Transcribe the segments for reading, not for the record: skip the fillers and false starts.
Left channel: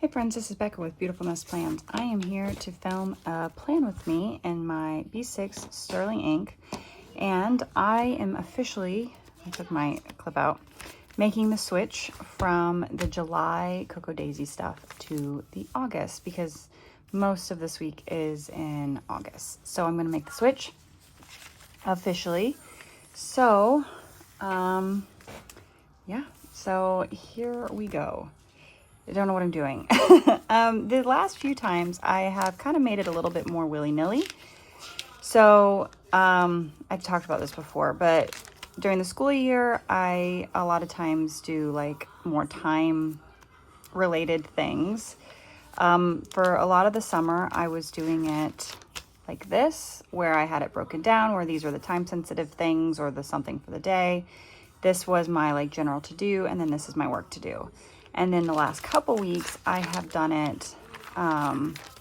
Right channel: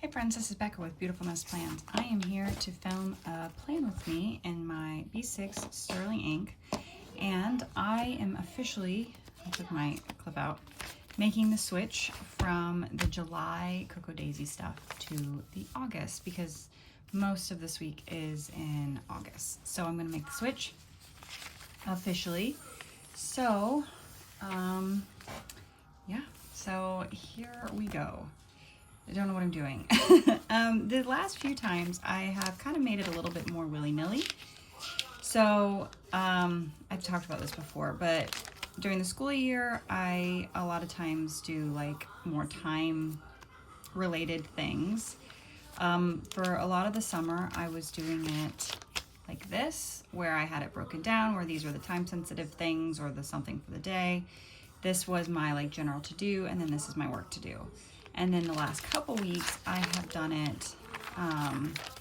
Hey friends, this is Becca with Beautiful Nest Plans. I am here to film a plan with me in my B6 Sterling ink, and I am officially, I took my clip out, making the switch from the July Cocoa Daisy stuff to the August because most of this week is in August. So I'm going to make the switch officially. So, yeah, so here we go. I don't know what I'm doing. The last few times I have kind of made it a little bit more willy-nilly. So I've talked about this before, but during the school year, I a lot of times do like more time related things. For a lot of the summer, I was doing it like this, where I had it broken down, where these were the time sensitive things or the something for the day. This was my like general to do, and then this is my work to do. And then the last couple weeks, I have done it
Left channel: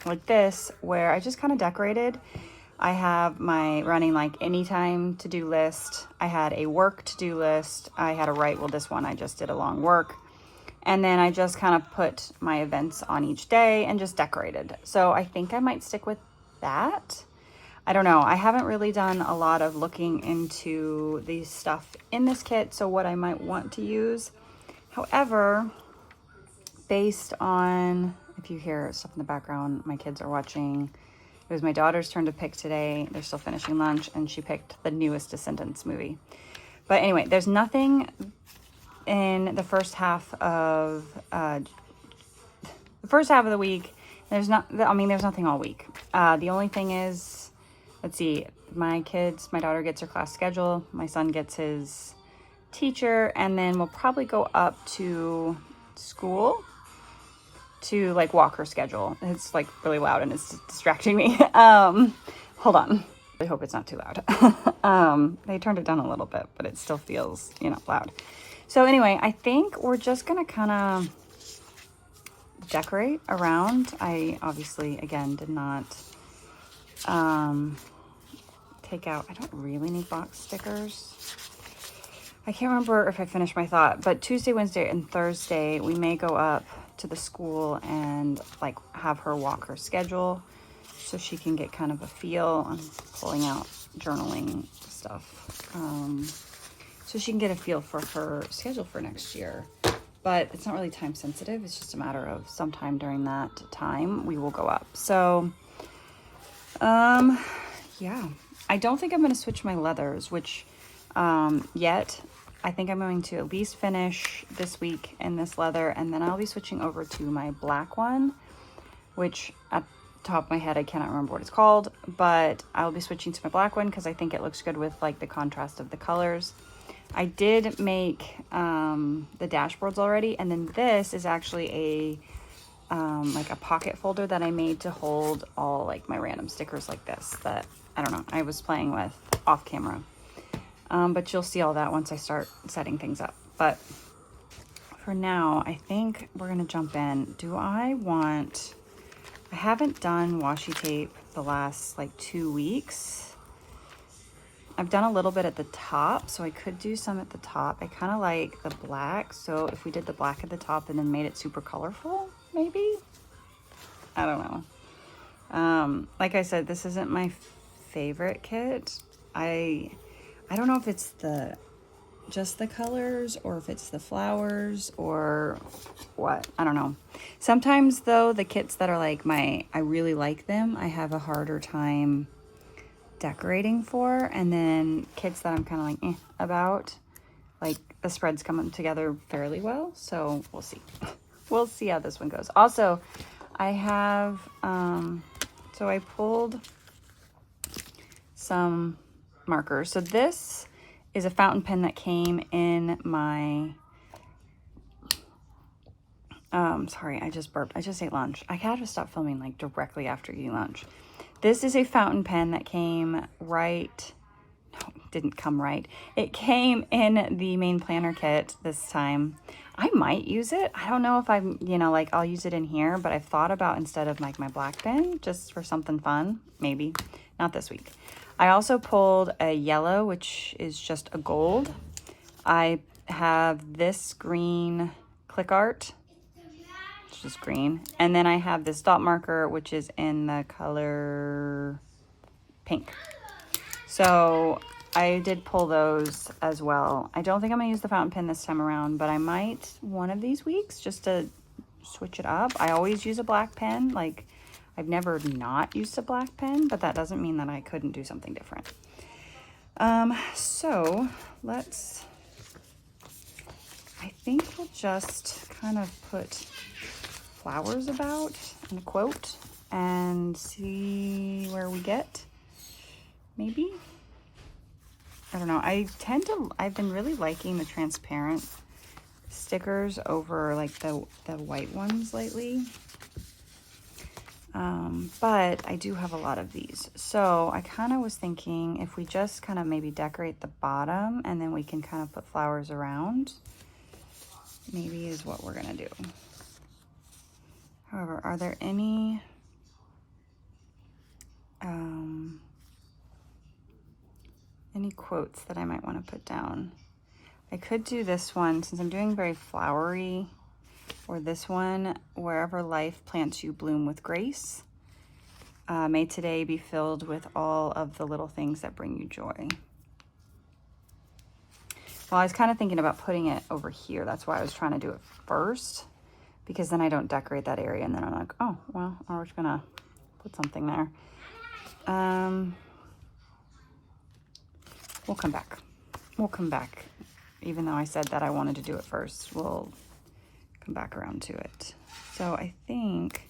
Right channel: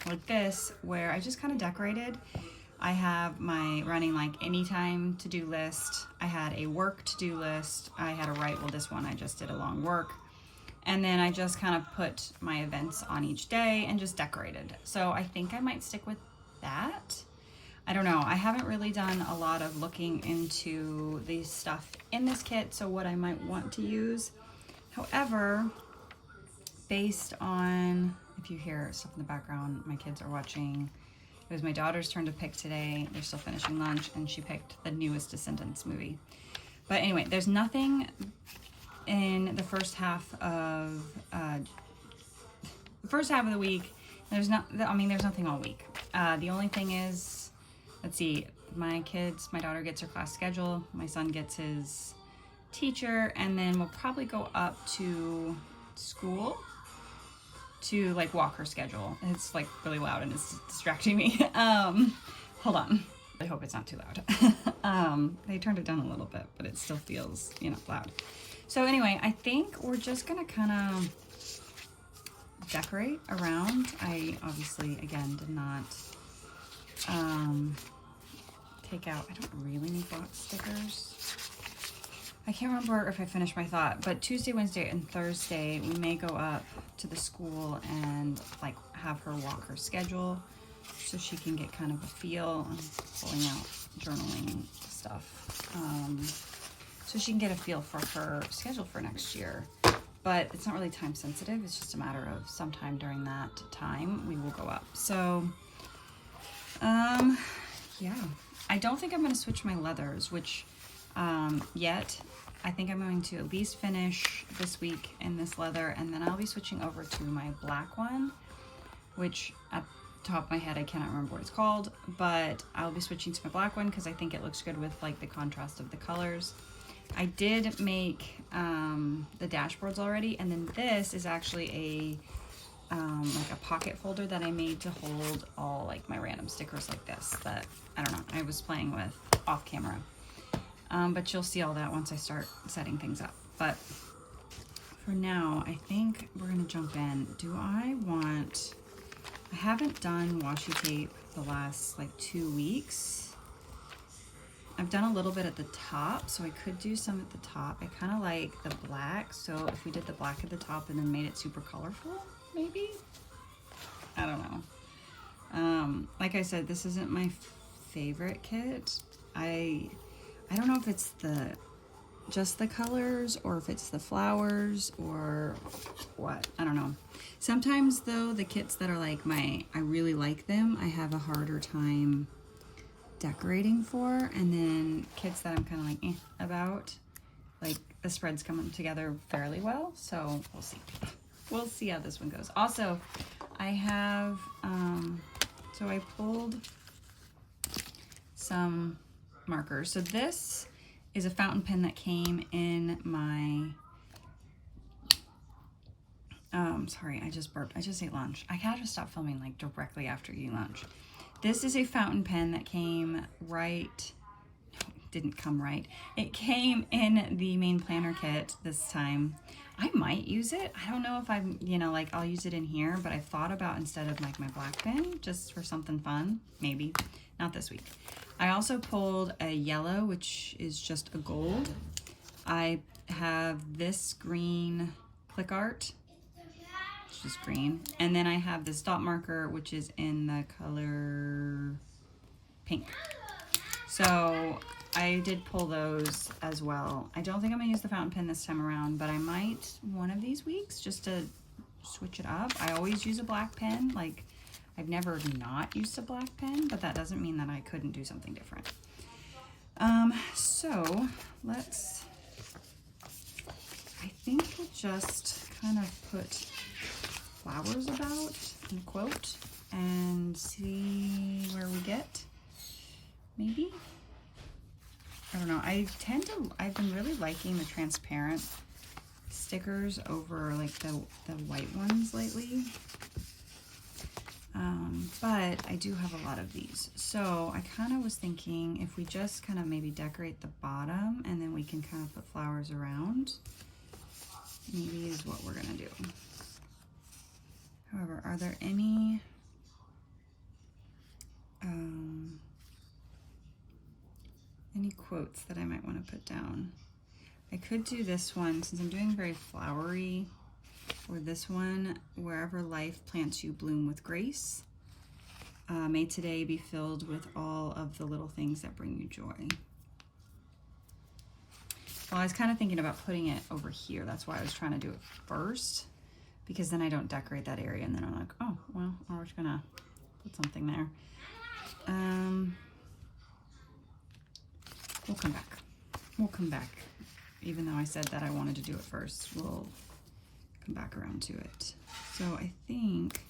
like this, where I just kind of decorated. I have my running like anytime to-do list. I had a work to-do list. I had a this one I just did along work. And then I just kind of put my events on each day and just decorated. So I think I might stick with that. I don't know. I haven't really done a lot of looking into the stuff in this kit, so what I might want to use. However, based on, if you hear stuff in the background, my kids are watching. It was my daughter's turn to pick today. They're still finishing lunch, and she picked the newest Descendants movie. But anyway, there's nothing in the first half of the week. There's nothing all week. The only thing is, let's see, my daughter gets her class schedule, my son gets his teacher, and then we'll probably go up to school to like walk her schedule. It's like really loud and it's distracting me. Hold on. I hope it's not too loud. They turned it down a little bit, but it still feels, loud. So anyway, I think we're just gonna kind of decorate around. I obviously, again, did not take out, I don't really need box stickers. I can't remember if I finished my thought, but Tuesday, Wednesday, and Thursday, we may go up to the school and like have her walk her schedule so she can get kind of a feel. I'm pulling out journaling stuff. So she can get a feel for her schedule for next year. But it's not really time sensitive. It's just a matter of sometime during that time we will go up. So, yeah. I don't think I'm going to switch my leathers, which yet. I think I'm going to at least finish this week in this leather, and then I'll be switching over to my black one, which at the top of my head, I cannot remember what it's called, but I'll be switching to my black one because I think it looks good with like the contrast of the colors. I did make the dashboards already, and then this is actually a like a pocket folder that I made to hold all like my random stickers like this that, I don't know, I was playing with off camera. But you'll see all that once I start setting things up. But for now, I think we're gonna jump in. I haven't done washi tape the last like 2 weeks. I've done a little bit at the top, so I could do some at the top. I kind of like the black, so if we did the black at the top and then made it super colorful, maybe? I don't know. Like I said, this isn't my favorite kit. I don't know if it's just the colors or if it's the flowers or what. I don't know. Sometimes though, the kits that are like I really like them, I have a harder time decorating for. And then kits that I'm kind of like about, like the spreads come together fairly well. So we'll see. We'll see how this one goes. Also, I have, so I pulled some markers. So this is a fountain pen that came in my sorry, I just burped. I just ate lunch. I gotta stop filming like directly after eating lunch. This is a fountain pen that came didn't come right. It came in the main planner kit this time. I might use it. I don't know if I'm, like I'll use it in here, but I've thought about instead of like my black pen, just for something fun, maybe. Not this week. I also pulled a yellow, which is just a gold. I have this green click art which is green. And then I have this dot marker, which is in the color pink. So I did pull those as well. I don't think I'm gonna use the fountain pen this time around, but I might one of these weeks just to switch it up. I always use a black pen. Like, I've never not used a black pen, but that doesn't mean that I couldn't do something different. So let's, I think we'll just kind of put flowers about in a quote and see where we get. Maybe. I don't know. I've been really liking the transparent stickers over like the white ones lately. But I do have a lot of these. So I kind of was thinking if we just kind of maybe decorate the bottom and then we can kind of put flowers around, maybe is what we're gonna do. However, are there any quotes that I might want to put down? I could do this one since I'm doing very flowery, or this one, wherever life plants you bloom with grace. May today be filled with all of the little things that bring you joy. Well, I was kind of thinking about putting it over here. That's why I was trying to do it first, because then I don't decorate that area and then I'm like, oh, well, we're just gonna put something there. We'll come back. We'll come back. Even though I said that I wanted to do it first, we'll come back around to it. So I think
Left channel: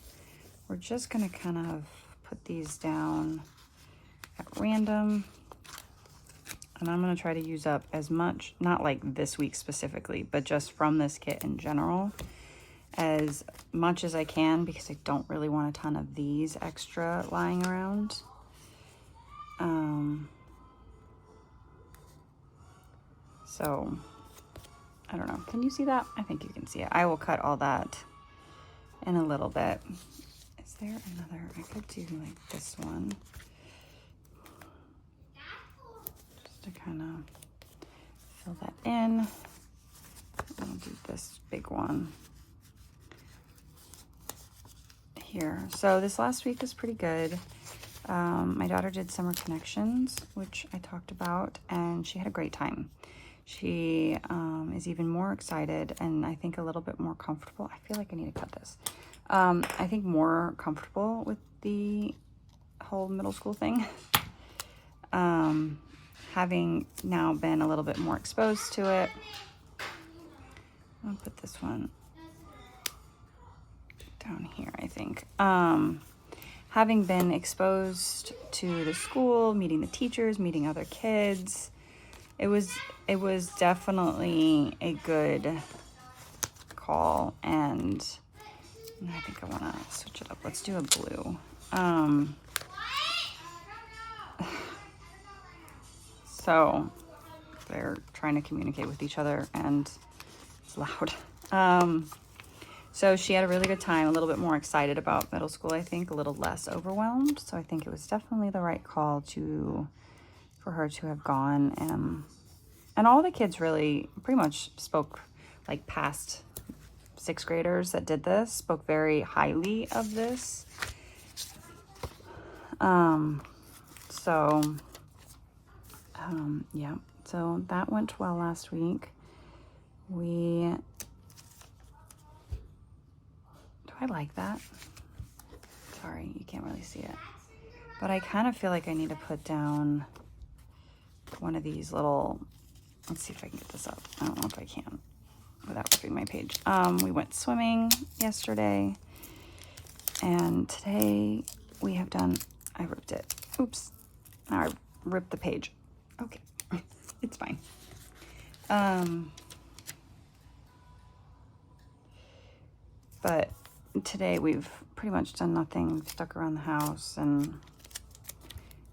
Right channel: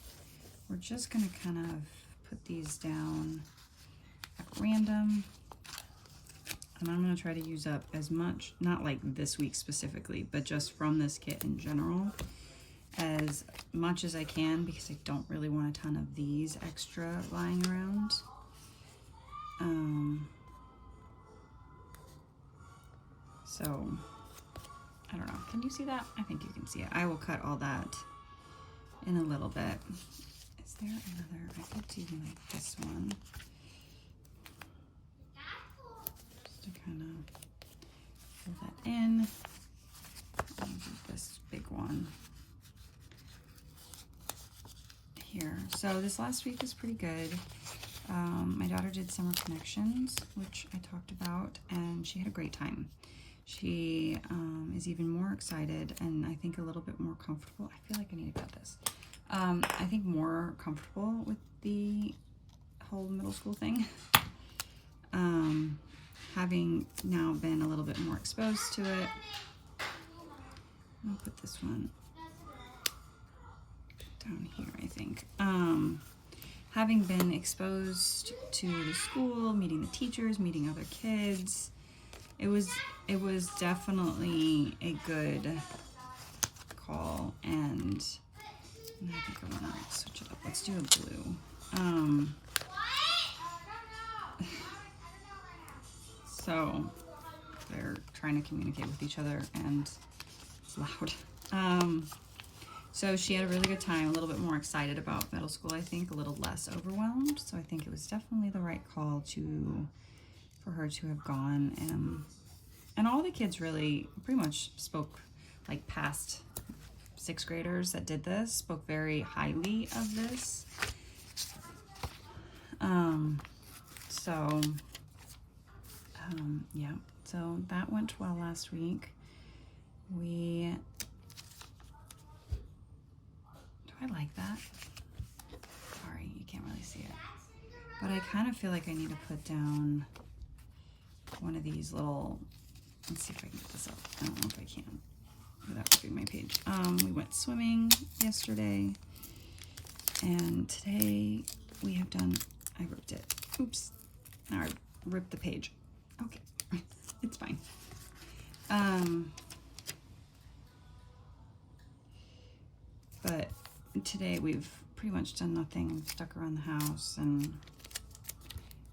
we're just gonna kind of put these down at random. And I'm gonna try to use up as much, not like this week specifically, but just from this kit in general, as much as I can, because I don't really want a ton of these extra lying around. So, I don't know. Can you see that? I think you can see it. I will cut all that in a little bit. Is there another? I could do like this one. Just to kind of fill that in. I'll do this big one here. So this last week was pretty good. My daughter did summer connections, which I talked about, and she had a great time. She is even more excited and I think a little bit more comfortable. I feel like I need to cut this. I think more comfortable with the whole middle school thing. Having now been a little bit more exposed to it. I'll put this one down here, I think. Having been exposed to the school, meeting the teachers, meeting other kids, it was definitely a good call, and I think I want to switch it up. Let's do a blue. So they're trying to communicate with each other and it's loud. So she had a really good time, a little bit more excited about middle school, I think, a little less overwhelmed. So I think it was definitely the right call for her to have gone. And all the kids really pretty much spoke, like past 6th graders that did this, spoke very highly of this. Yeah, so that went well last week. Do I like that? Sorry, you can't really see it. But I kind of feel like I need to put down one of these little, let's see if I can get this up. I don't know if I can without ripping my page. We went swimming yesterday, and today we have done, I ripped it. Oops, now I ripped the page. Okay, it's fine. But today we've pretty much done nothing, stuck around the house, and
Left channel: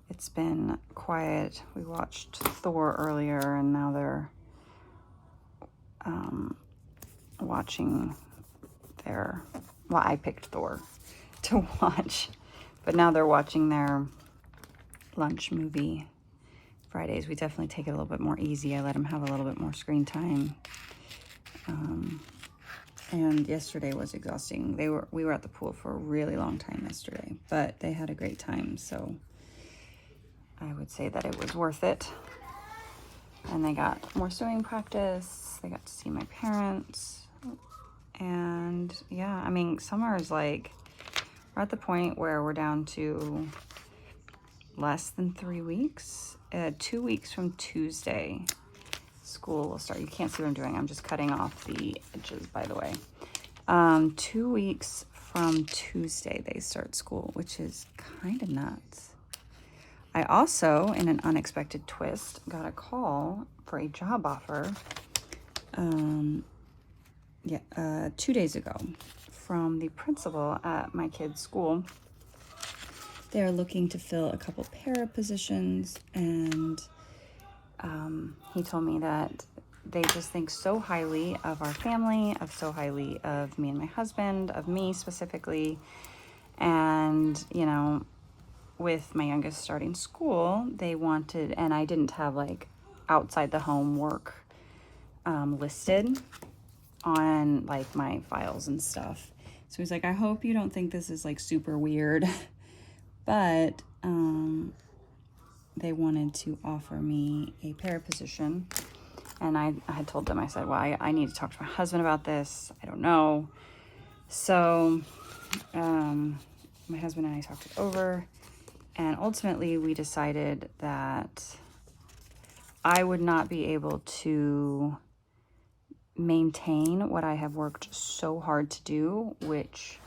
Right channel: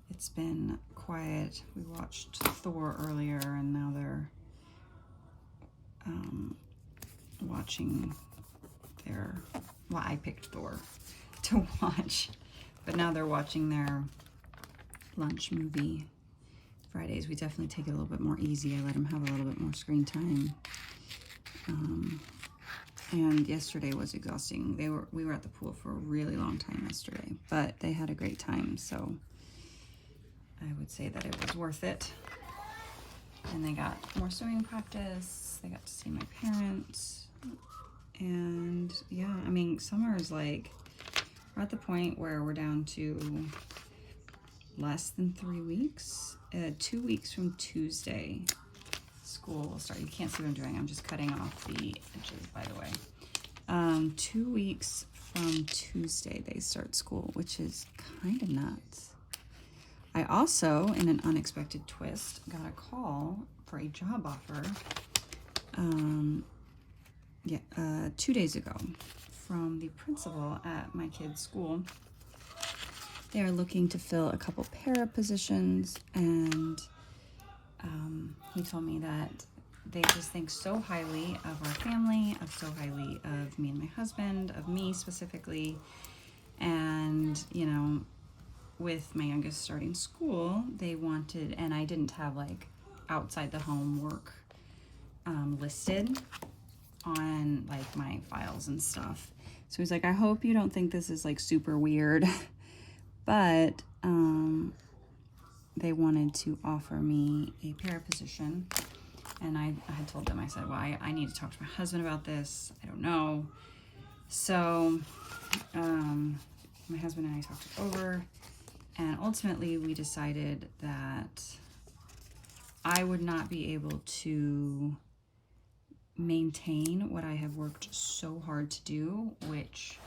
it's been quiet. We watched Thor earlier, and now they're watching their, well, I picked Thor to watch, but now they're watching their lunch movie. Fridays, we definitely take it a little bit more easy. I let them have a little bit more screen time. And yesterday was exhausting. We were at the pool for a really long time yesterday, but they had a great time, so I would say that it was worth it. And they got more swimming practice. They got to see my parents. And yeah, I mean, summer is like, we're at the point where we're down to less than 3 weeks. 2 weeks from Tuesday, school will start. You can't see what I'm doing. I'm just cutting off the edges, by the way. 2 weeks from Tuesday, they start school, which is kind of nuts. I also, in an unexpected twist, got a call for a job offer 2 days ago from the principal at my kid's school. They're looking to fill a couple para positions, and he told me that they just think so highly of our family, so highly of me and my husband, of me specifically. And, you know, with my youngest starting school, they wanted, and I didn't have like outside the home work listed on like my files and stuff. So he's like, I hope you don't think this is like super weird, but they wanted to offer me a para position. And I had told them, I said, well, I need to talk to my husband about this. I don't know. So my husband and I talked it over, and ultimately we decided that I would not be able to maintain what I have worked so hard to do, which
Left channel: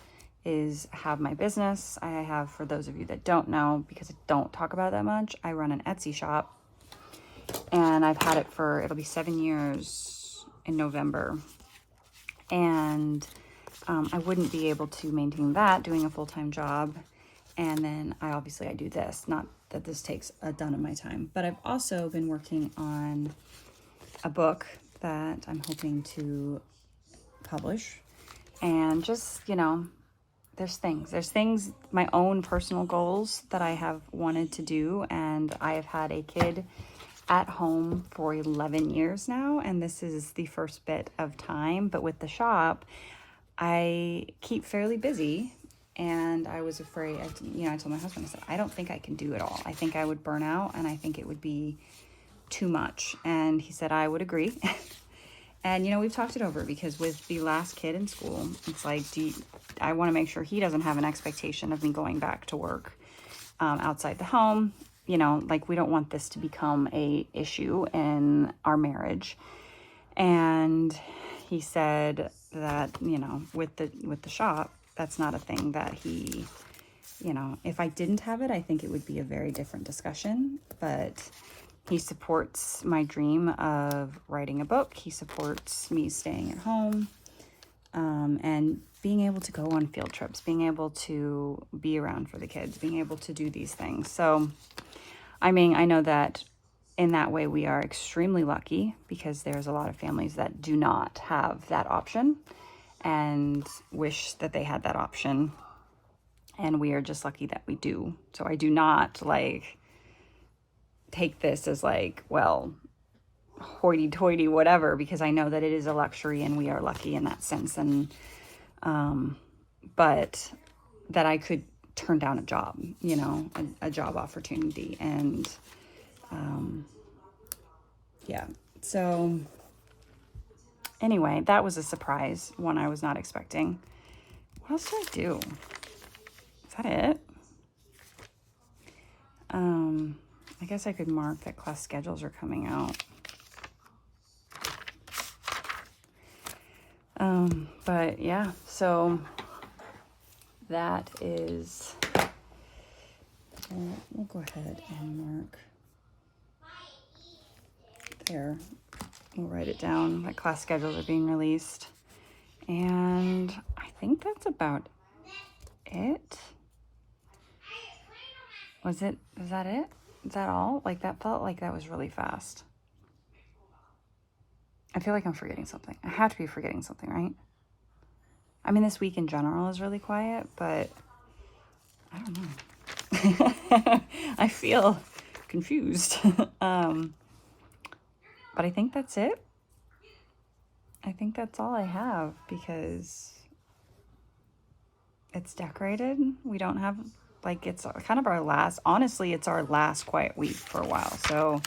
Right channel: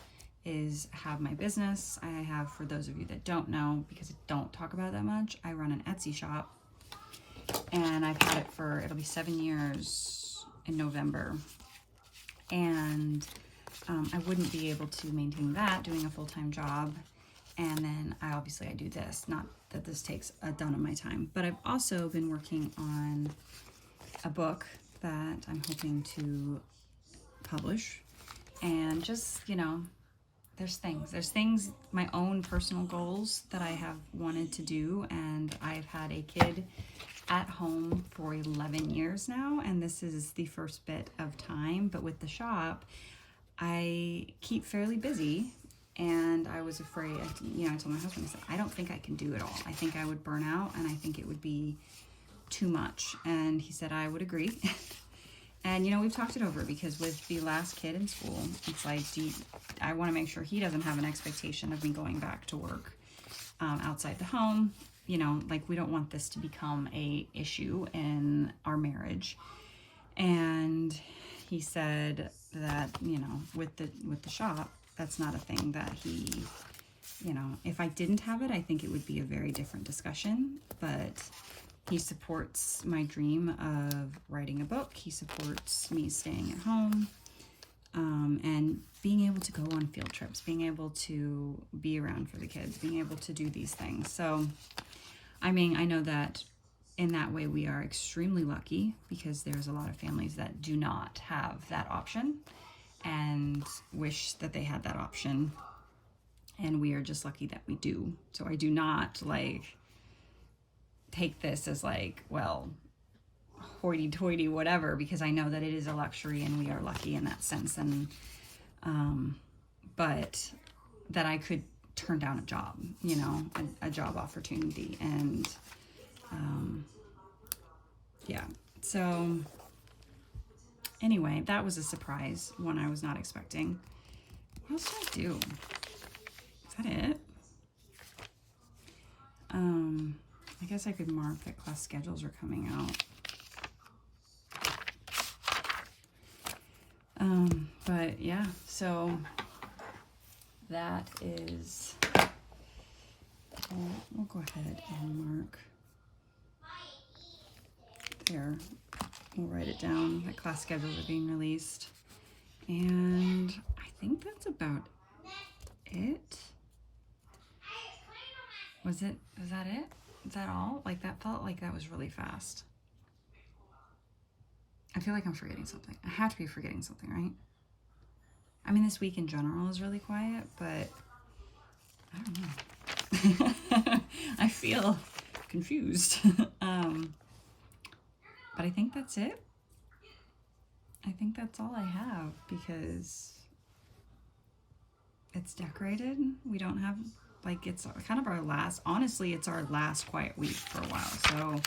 is have my business. I have, for those of you that don't know, because I don't talk about it that much, I run an Etsy shop, and I've had it for, it'll be 7 years in November. And I wouldn't be able to maintain that doing a full-time job. And then I do this, not that this takes a ton of my time, but I've also been working on a book that I'm hoping to publish. And just, you know, there's things, my own personal goals that I have wanted to do. And I have had a kid at home for 11 years now, and this is the first bit of time. But with the shop, I keep fairly busy, and I was afraid, I told my husband, I said, I don't think I can do it all. I think I would burn out, and I think it would be too much. And he said, I would agree. And, you know, we've talked it over, because with the last kid in school, it's like, I want to make sure he doesn't have an expectation of me going back to work outside the home. You know, like, we don't want this to become a issue in our marriage. And he said that, you know, with the shop, that's not a thing that he, you know, if I didn't have it, I think it would be a very different discussion. But he supports my dream of writing a book. He supports me staying at home, and being able to go on field trips, being able to be around for the kids, being able to do these things. So, I mean, I know that in that way we are extremely lucky, because there's a lot of families that do not have that option and wish that they had that option. And we are just lucky that we do. So I do not like take this as like, well, hoity-toity, whatever, because I know that it is a luxury and we are lucky in that sense. And, but that I could turn down a job, you know, a job opportunity. And, yeah, so anyway, that was a surprise, one I was not expecting. What else did I do? Is that it? I guess I could mark that class schedules are coming out. But yeah, so that is, we'll go ahead and mark there. We'll write it down that class schedules are being released. And I think that's about it. Is that it? Is that all? Like, that felt like that was really fast. I feel like I'm forgetting something. I have to be forgetting something, right? I mean, this week in general is really quiet, but I don't know. I feel confused. But I think that's it. I think that's all I have because it's decorated. We don't have, like, it's kind of our last, honestly, it's our last quiet week for a while. So,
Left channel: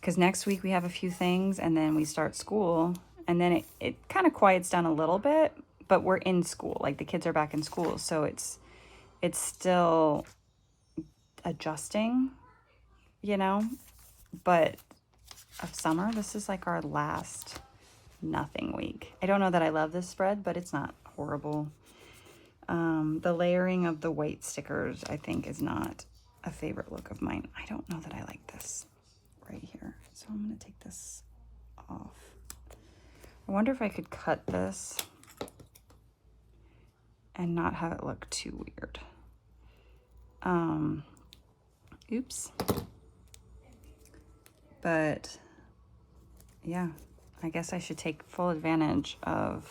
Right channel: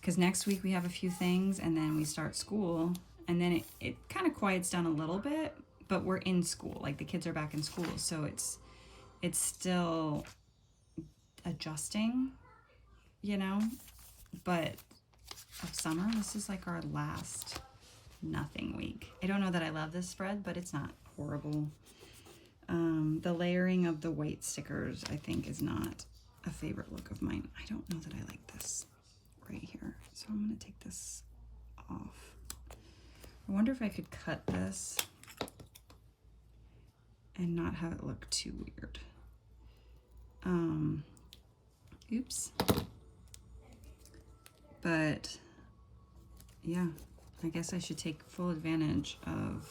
because next week we have a few things and then we start school and then it kind of quiets down a little bit, but we're in school. Like, the kids are back in school. So it's still adjusting, you know, but of summer, this is like our last nothing week. I don't know that I love this spread, but it's not horrible. The layering of the white stickers, I think, is not a favorite look of mine. I don't know that I like this right here. So I'm going to take this off. I wonder if I could cut this and not have it look too weird. Oops. But yeah, I guess I should take full advantage of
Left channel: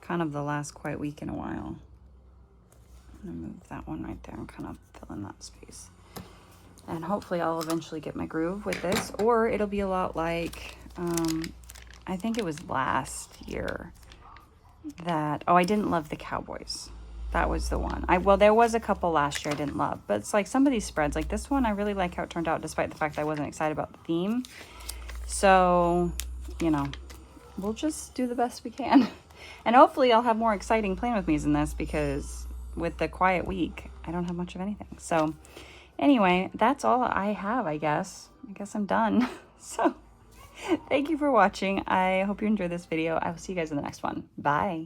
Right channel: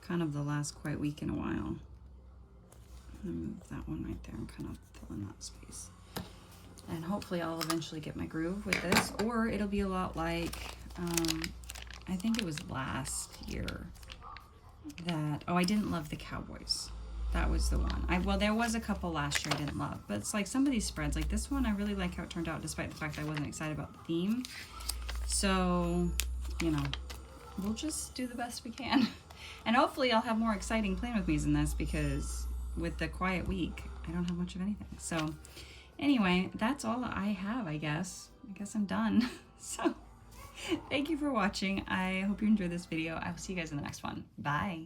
kind of the last quiet week in a while. I'm gonna move that one right there and kind of fill in that space. And hopefully I'll eventually get my groove with this, or it'll be a lot like, I think it was last year that, oh, I didn't love the Cowboys. That was the one. Well, there was a couple last year I didn't love, but it's like some of these spreads, like this one, I really like how it turned out, despite the fact that I wasn't excited about the theme. So, you know, we'll just do the best we can. And hopefully I'll have more exciting plan with me's in this, because with the quiet week, I don't have much of anything. So anyway, that's all I have, I guess. I guess I'm done. So thank you for watching. I hope you enjoyed this video. I will see you guys in the next one. Bye.